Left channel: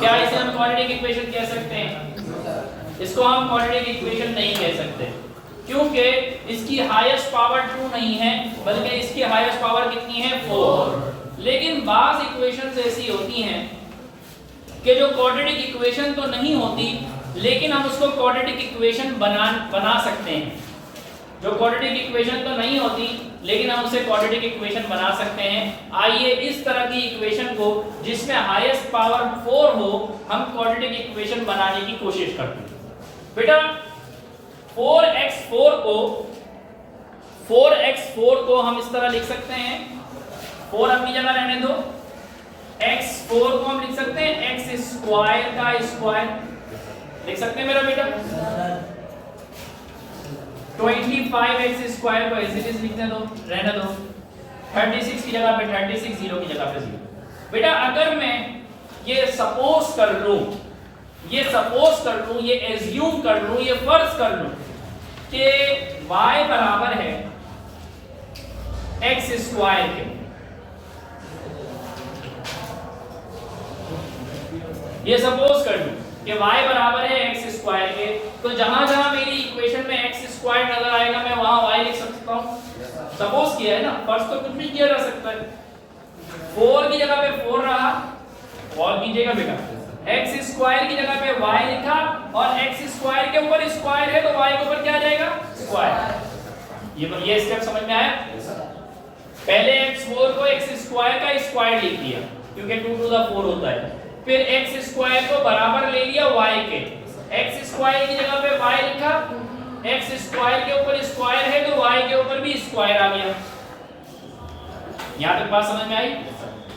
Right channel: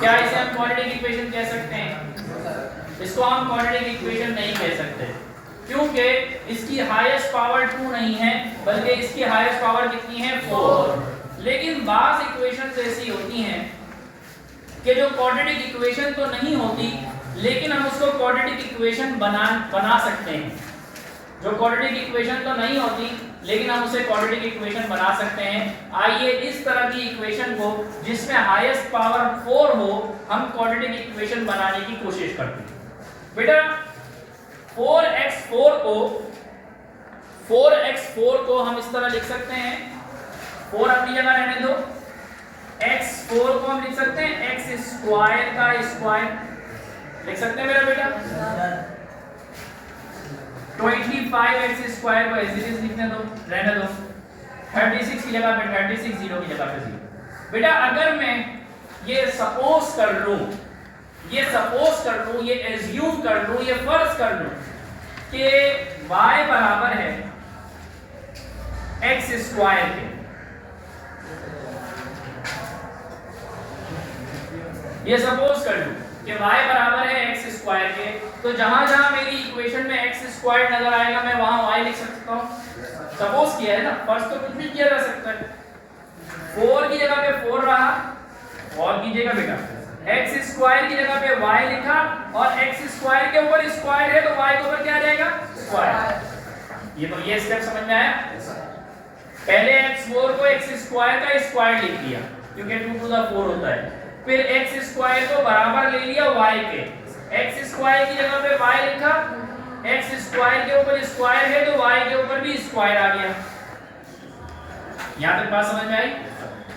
क्या इसे हम क्वाड्रेटिक इक्वेशन कह सकते हैं? इसको हम क्वाड्रेटिक इक्वेशन नहीं कह सकते, क्योंकि इसकी हाईएस्ट पावर 2 नहीं है, बल्कि इसकी हाईएस्ट पावर कितनी है? 4। लेकिन बाज़ इक्वेशंस ऐसी होती हैं कि जो क्वाड्रेटिक इक्वेशन तो नहीं होती, लेकिन हम उसको क्वाड्रेटिक इक्वेशन बना सकते हैं। जो क्वाड्रेटिक इक्वेशन तो नहीं होती, लेकिन हम उसे क्वाड्रेटिक इक्वेशन बना सकते हैं। आइए इस तरह की इक्वेशन को जिसमें हाईएस्ट पावर 4 हो, हम क्वाड्रेटिक इक्वेशन बनाने की कोशिश करते हैं। बेटा 4x4 को हम इस तरह लिख सकते हैं, 4 अपनी जगह रहने दो, x4 को हम लिख सकते हैं x स्क्वायर का स्क्वायर, लिख सकते हैं मेरा बेटा। 25x स्क्वायर को ऐसे लिखने दो, रहने दो। 36 की जगह पे 36, 0 की जगह पे 0। बेटा अगर मैं ये सपोज कर लूं, ये एज्यूम कर लूं, ये फर्ज कर लूं कि y बराबर है x स्क्वायर के, ये सपोज कर लूं कि y बराबर है x स्क्वायर के, तो जहां जहां मेरी इक्वेशन में x स्क्वायर नजर आएगा मैं वहां y लिख सकता हूं। सपोज किया है ना, फर्स्ट तो कुछ भी किया जा सकता है। 4 की जगह पे 4 रहा, और कीजिएगा बेटा x स्क्वायर की जगह पे y लिखा, और x स्क्वायर के ऊपर स्क्वायर है तो y के ऊपर क्या आ जाएगा? स्क्वायर। ये स्टेप समझ में आया? पहले x4 को x स्क्वायर का स्क्वायर लिख दिया, क्योंकि 2 टू द 4 होता है। फिर x स्क्वायर को बराबर ले लिया y के, x स्क्वायर की जगह पे y लिखा, x स्क्वायर के ऊपर स्क्वायर है तो y के ऊपर भी स्क्वायर आ गया। यहां तक बात समझ में आई?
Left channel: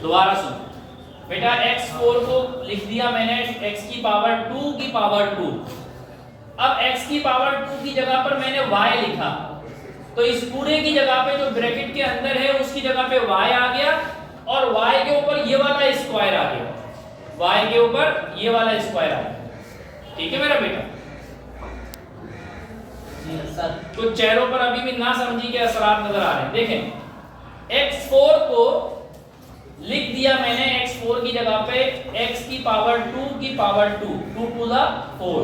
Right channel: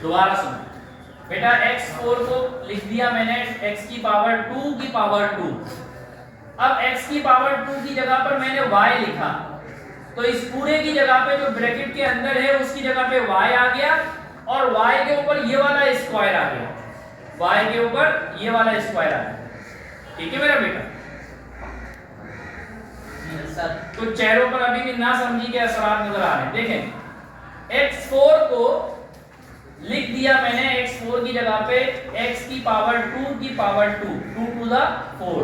दोबारा सुनो बेटा, x4 को लिख दिया मैंने x की पावर 2 की पावर 2। अब x की पावर 2 की जगह पर मैंने y लिखा, तो इस पूरे की जगह पे जो ब्रैकेट के अंदर है उसकी जगह पे y आ गया, और y के ऊपर ये वाला स्क्वायर आ गया, y के ऊपर ये वाला स्क्वायर आ गया। ठीक है मेरा बेटा? तो चेहरों पर अभी भी ना समझी के असरात नजर आ रहे हैं। देखें x4 को लिख दिया मैंने, x4 की जगह पे x की पावर 2 की पावर 2, 2 टू द 4,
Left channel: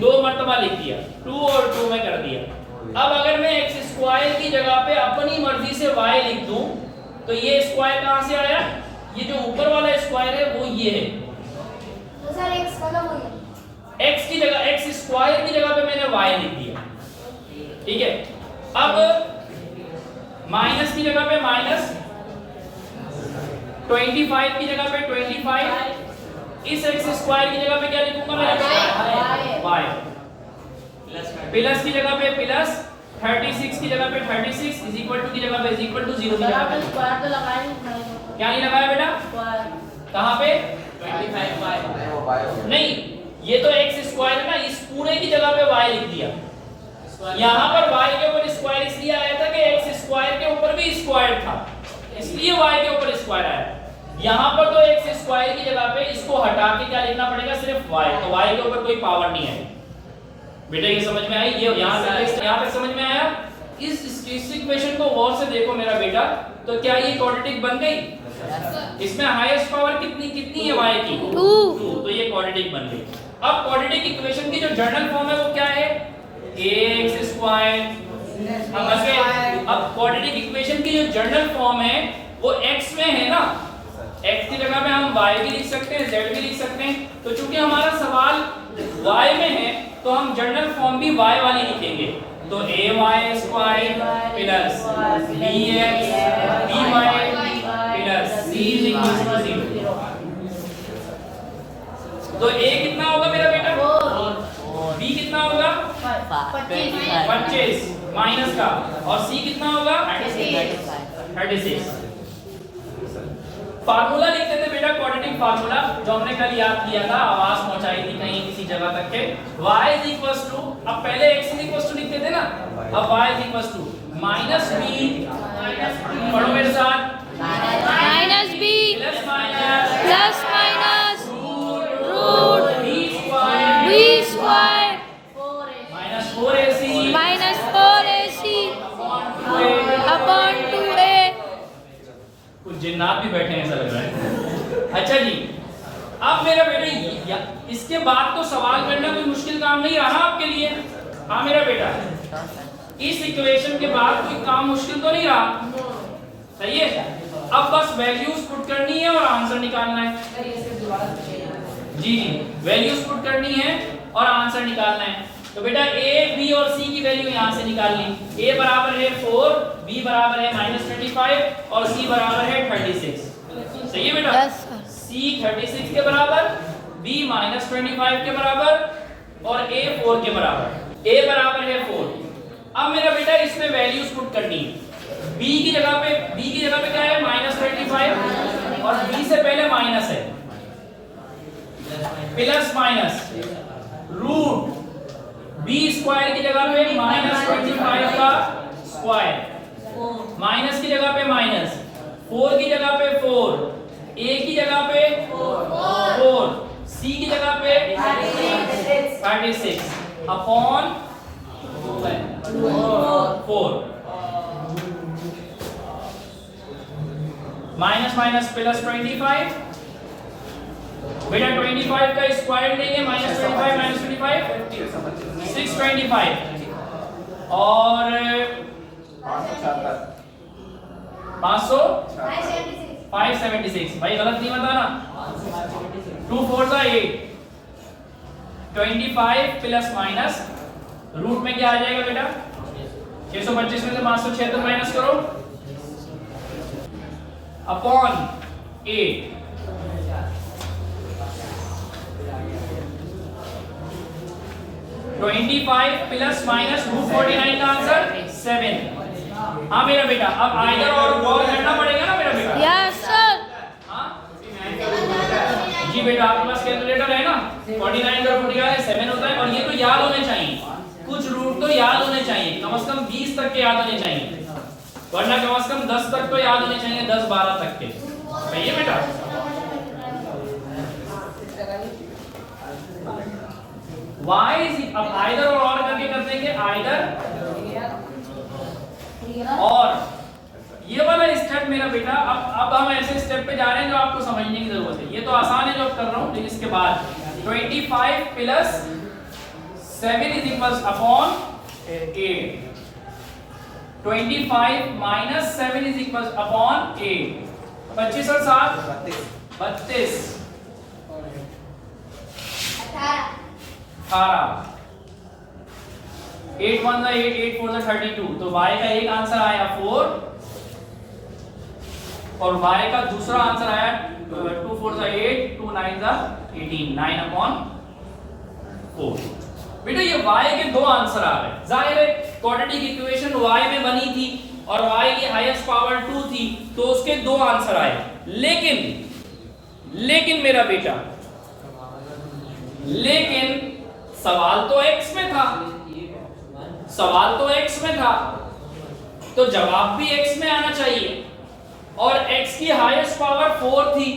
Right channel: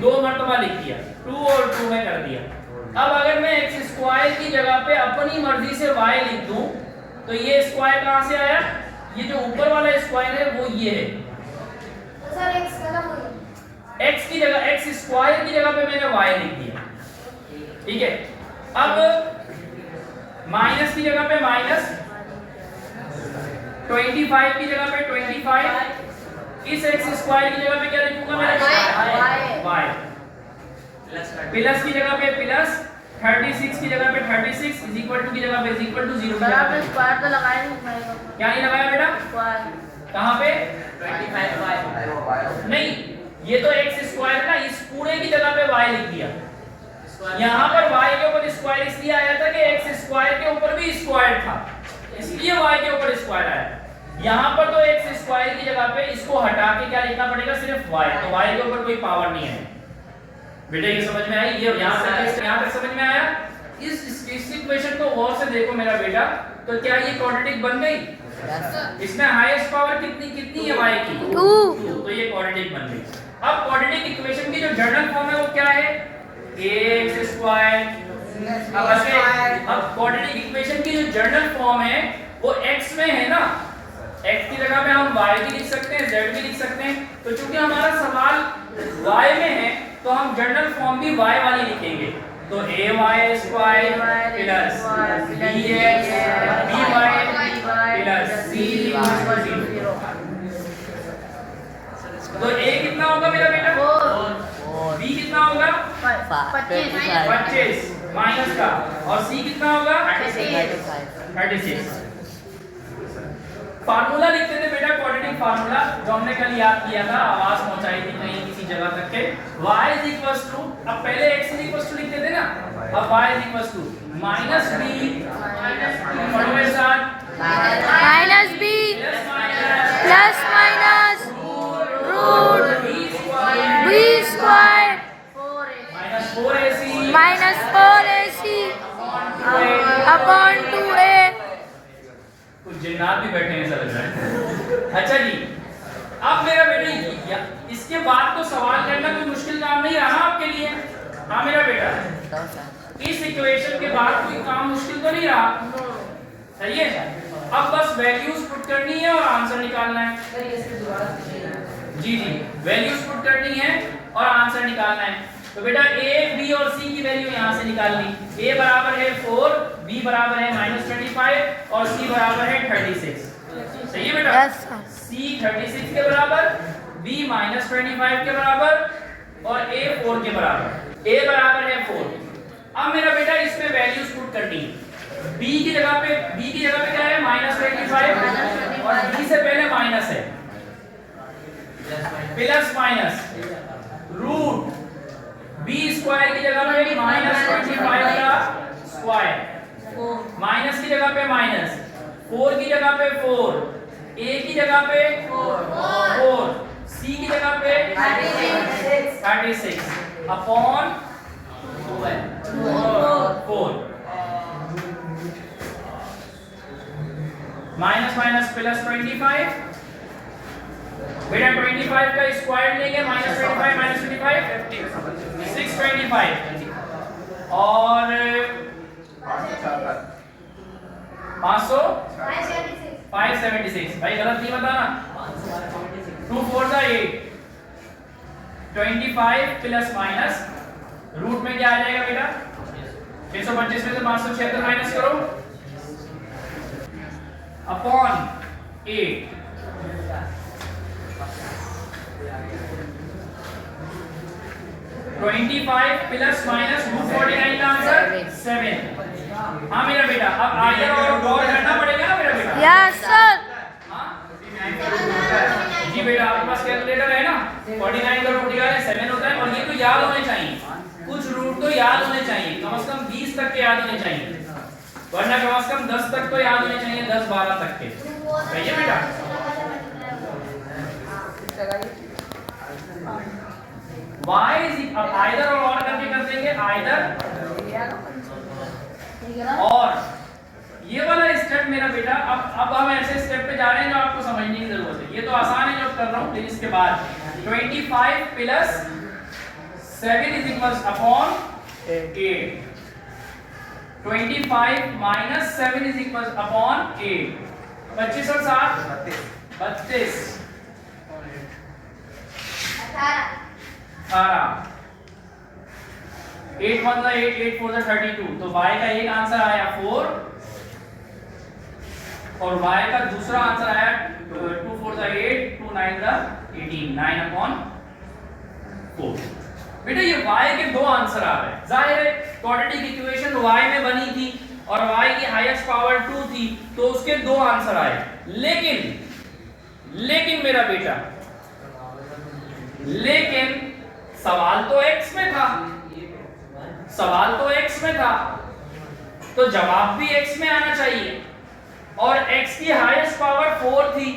दो मर्तबा लिख दिया, 2 और 2 में कर दिया। अब अगर मैं x स्क्वायर की जगह पे अपनी मर्जी से y लिख दूं, तो ये स्क्वायर कहां से आया? ये जो ऊपर वाला स्क्वायर है वो ये है। तो सर x मतलब x की जगह, x स्क्वायर की जगह पे मैंने y लिख दिया, ठीक है। अब माइनस की जगह पे माइनस, 25 की जगह पे 25, इस x स्क्वायर की जगह पे क्या लिखूंगा मैं? y। प्लस की जगह पे प्लस, 36 की जगह पे 36 इज इक्वल टू की जगह पे इज इक्वल टू 0 की जगह पे स्क्वायर तो लगाया नहीं, क्या नहीं लगाया बेटा? स्क्वायर कहां पे? 25y नहीं, ये तो x स्क्वायर है ना, इस पूरे की जगह पे y लिख दिया। यहां पर y के ऊपर स्क्वायर इसलिए आया था कि x स्क्वायर के ऊपर भी स्क्वायर था, इसलिए y के ऊपर स्क्वायर आया। यहां पर तो x स्क्वायर की जगह पे इसको हटा के क्या लिखना पड़ेगा? सिर्फ y, तो y के ऊपर कोई पावर नहीं है। बेटा ये समझ में आई? ये यहां तक समझ में आया? इस इक्वेशन को गौर से देखो मेरा बेटा, तो क्या ये क्वाड्रेटिक बन गई? इसमें हाईएस्ट पावर कितनी है y की? 2, तो ये क्वाड्रेटिक बन गई। अब क्वाड्रेटिक इक्वेशन की जो जनरल फॉर्म है वो क्या है? ax square. अब क्वाड्रेटिक इक्वेशन की जो जनरल फॉर्म है वो x में है ना, x की जगह पे हम y भी लिख सकते हैं, z भी लिख सकते हैं। तो चूंकि हमारा सवाल y में है तो हम जनरल फॉर्म भी y वाली लिखेंगे, तो ay square plus bx dy plus c is equal to 0। तो a कितना होगा मेरा बेटा? 4। b कितना होगा? 25 माइनस का, और c कितना होगा? 36। फार्मूला लिखते थे बेटा, क्वाड्रेटिक फार्मूला जो हमने कल याद किया था, आवाज पहुंचाई थी कहीं किसी जगह तक के। y इज इक्वल्स टू, अब पहले x इज इक्वल्स टू लिखते थे ना, अब y is equals to minus b, पढ़ो मेरे साथ, minus b plus minus root b square minus 4ac upon 2a। कुछ जिन्नात भी बैठे हैं ऐसा लग रहा है। अच्छा जी, अब मेरा बेटा इसके बाद तो सवाल करना कोई मुश्किल काम नहीं रहा आपके लिए। हाँ मेरा बेटा, इस इक्वेशन के बाद कोई काम मुश्किल तो नहीं रहा, सही है। अब बस वैल्यूज पुट करनी है और आंसर निकालना है। जी जी, वैल्यूज पुट करनी है और आंसर निकालना है। तो बेटा a, b और c की वैल्यू यहाँ से निकालनी। a बराबर है 4, b बराबर है -25 और c बराबर है 36। सही है बेटा? Yes, sir. c 36 के बराबर, b -25 के बराबर और a 4 के बराबर। a बराबर है 4। अब मेरा बेटा इसमें वैल्यूज पुट करनी है। b की जगह पे क्या है? -25 और b से पहले माइनस है, plus minus root b square की जगह पे -25 का स्क्वायर, माइनस की जगह पे माइनस, 4 की जगह पे 4, a की जगह पे 4, c की जगह पे 36 अपॉन 4, माइनस माइनस प्लस 25। बेटा 25 का स्क्वायर लेंगे, -25 625 और 576। भाई गलत नहीं बताना। 2 4 8, 25 प्लस माइनस रूट में क्या आ जाएगा बेटा? 625 में से 576 माइनस करो अपॉन 8। प्लस माइनस रूट 49 का आंसर 7। हाँ मेरा बेटा, अब आइदर और करना पड़ेगा ना मेरा बेटा? Yes, sir. हाँ जी बेटा, आपके पास कैलकुलेटर है ना? 49 का रूट निकाले 7 होता है। और ये तो याद होने चाहिए, कुछ रूट तो याद होने चाहिए, कम से कम 20 तक के याद होने चाहिए, वरना कम से कम 10 तक तो याद होने चाहिए, 10-12 तक के। सही है बेटा? y इज अब आइदर और करके कर देंगे, आइदर और ये वाला स्टेप मेरा बेटा, अब हम ऐसे स्टेप पे जा रहे हैं जो आपको समझने की जरूरत है। ये तो आसान है जो कर रहा हूं, लेकिन इसके बाद 25 plus 7 is equals upon 8, 25 minus 7 is equals upon 8, 25 और 7 32, 18, 8 1 8, 8 4 32। तो y का एक आंसर आया 4 और y का दूसरा आंसर आया 2 4 8, 2 9 18, 9 अपॉन 4। बेटा ये y के दो आंसर आ रहे हैं। जाहिर है क्वाड्रेटिक इक्वेशन y में बनी थी और y की हाईएस्ट पावर 2 थी, तो उसके दो आंसर आए। लेकिन मेरा बेटा, लेकिन सवाल तो x में था, सवाल तो x में था, तो जवाब भी x में आना चाहिए। और x की हाईएस्ट पावर 4 थी।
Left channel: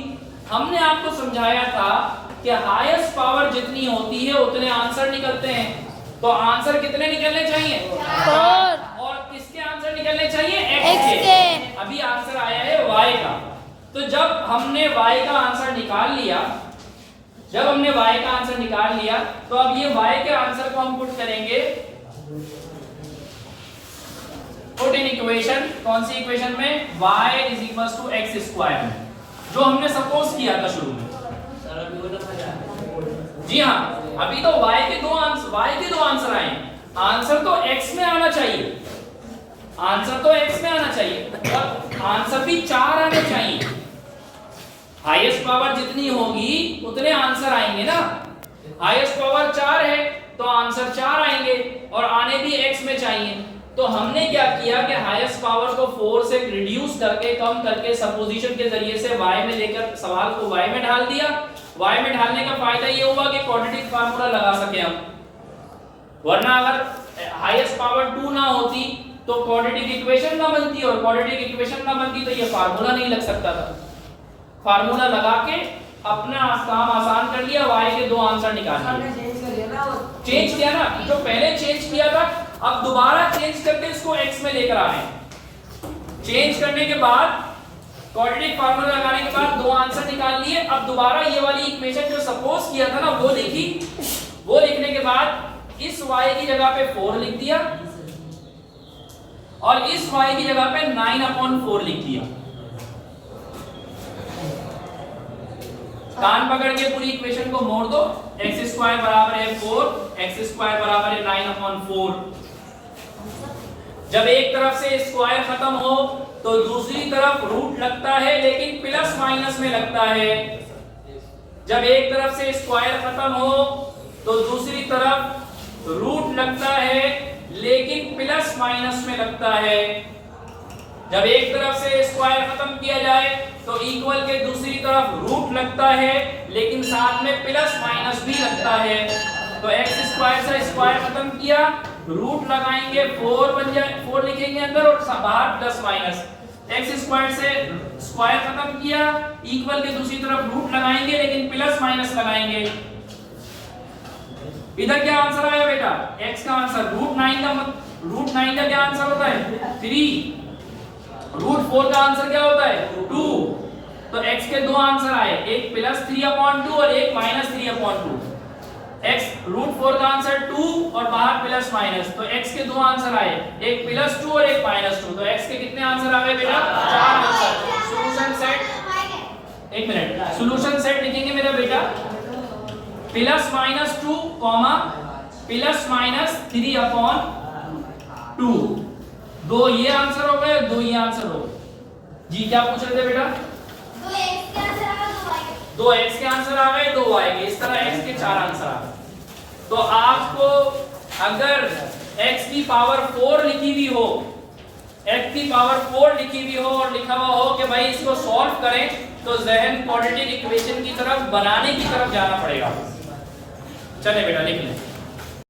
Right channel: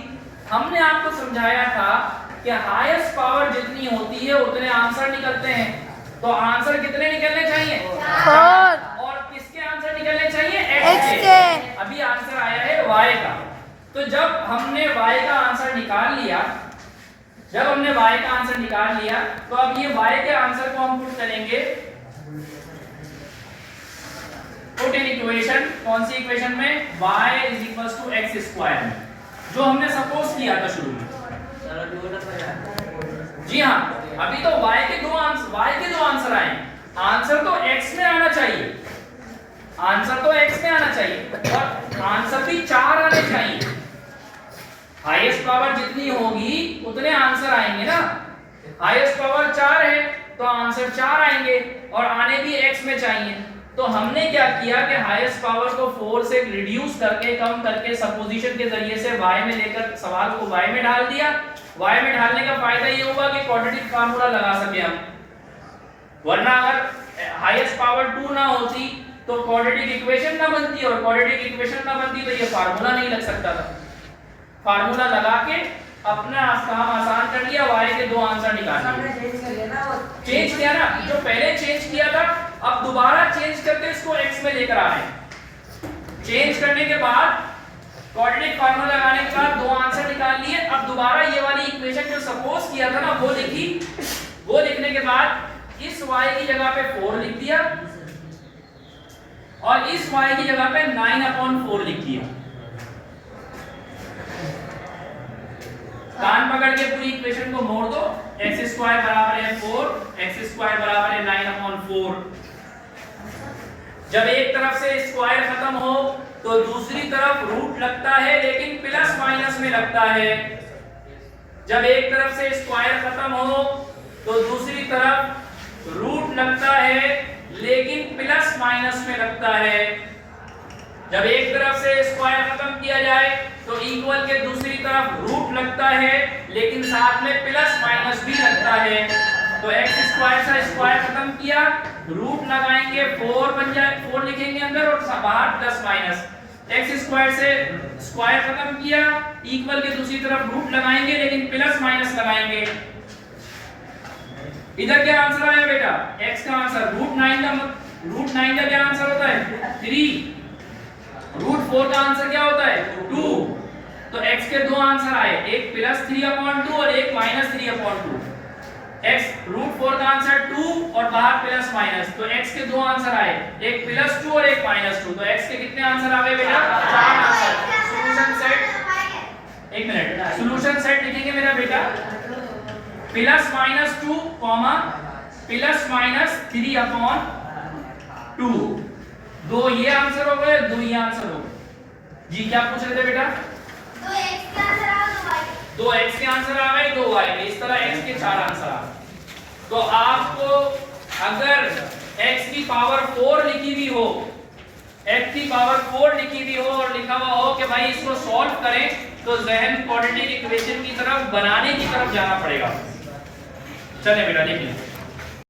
हमने आपको समझाया था कि हाईएस्ट पावर जितनी होती है उतने आंसर निकलते हैं। तो आंसर कितने निकलने चाहिए? 4। और किसके आंसर निकलने चाहिए? X के। अभी आंसर आया है y का। तो जब हमने y का आंसर निकाल लिया, तो अब ये y के आंसर को हम पुट करेंगे, पुट इन इक्वेशन। कौन सी इक्वेशन में? y is equals to x square, जो हमने सपोज किया था शुरू में। जी हाँ, अभी तो y के दो आंसर आए। आंसर तो x में आना चाहिए, और आंसर भी 4 आने चाहिए। हाईएस्ट पावर जितनी होगी उतने आंसर आएंगे ना। हाईएस्ट पावर 4 है तो आंसर 4 आएंगे, और आने भी x में चाहिए। तो हमने क्या किया कि हाईएस्ट पावर को 4 से रिड्यूस करके, कम करके, सपोजिशन के जरिए से y में लेकर सवाल को y में डाल दिया। y में डालने का फायदा ये हुआ कि क्वाड्रेटिक फार्मूला लगा सके हम, वरना अगर हाईएस्ट पावर 2 ना होती तो क्वाड्रेटिक इक्वेशन ना बनती, और क्वाड्रेटिक इक्वेशन ना बनती तो ये फार्मूला नहीं लग सकता था। फार्मूला लगा के अपना काम आसान कर लिया, y के दो आंसर निकालने। चेंज किया ना, जो पहले चेंज किया था अब दोबारा चेंज करके इसको x में लेकर आ रहे हैं। चेंज करने के बाद क्वाड्रेटिक फार्मूला लगाने के बाद दो आंसर निकाल लिए। अब दोबारा ये वाली इक्वेशन जो सपोज किया था ना वो लिखी, वो लिखने के बाद इस y की जगह पे 4 लिख दिया और इस y की जगह पे 9/4 लिख दिया। कान पकड़ के पूरी इक्वेशन को मोड़ दो। x² बराबर है 4, x² बराबर है 9/4। जब एक तरफ से स्क्वायर खत्म हो तो दूसरी तरफ रूट लगता है, लेकिन प्लस माइनस में लगता है। जब एक तरफ से स्क्वायर खत्म हो तो दूसरी तरफ रूट लगता है, लेकिन प्लस माइनस में लगता है। जब एक तरफ से स्क्वायर खत्म किया जाए तो इक्वल के दूसरी तरफ रूट लगता है, लेकिन साथ में प्लस माइनस भी लगता है। तो x² से स्क्वायर खत्म किया, रूट लगाएंगे 4 बन जाए, 4 लिखेंगे अंदर और बाहर प्लस माइनस। x² से स्क्वायर खत्म किया, इक्वल के दूसरी तरफ रूट लगाएंगे, लेकिन प्लस माइनस लगाएंगे। इधर क्या आंसर आया बेटा? x का आंसर √9 का क्या आंसर होता है? 3। √4 का आंसर क्या होता है? 2। तो x के दो आंसर आए, एक +3/2 और एक -3/2। x √4 का आंसर 2 और बाहर प्लस माइनस, तो x के दो आंसर आए, एक +2 और एक -2। तो x के कितने आंसर आ गए बेटा? 4 आंसर। सॉल्यूशन सेट, एक मिनट, सॉल्यूशन सेट लिखेंगे मेरा बेटा +-2, +-3/2। दो ये आंसर हो गए, दो ये आंसर हो गए। जी क्या पूछ रहे थे बेटा? दो x के आंसर आ गए, दो y के। इस तरह x के 4 आंसर आ गए। तो आपको अगर x की पावर 4 लिखी हुई हो, x की पावर 4 लिखी हुई हो और लिखा हुआ हो कि भाई इसको सॉल्व करें, तो जहन क्वाड्रेटिक इक्वेशन की तरफ बनाने की तरफ जाना पड़ेगा। चले बेटा लिख लें।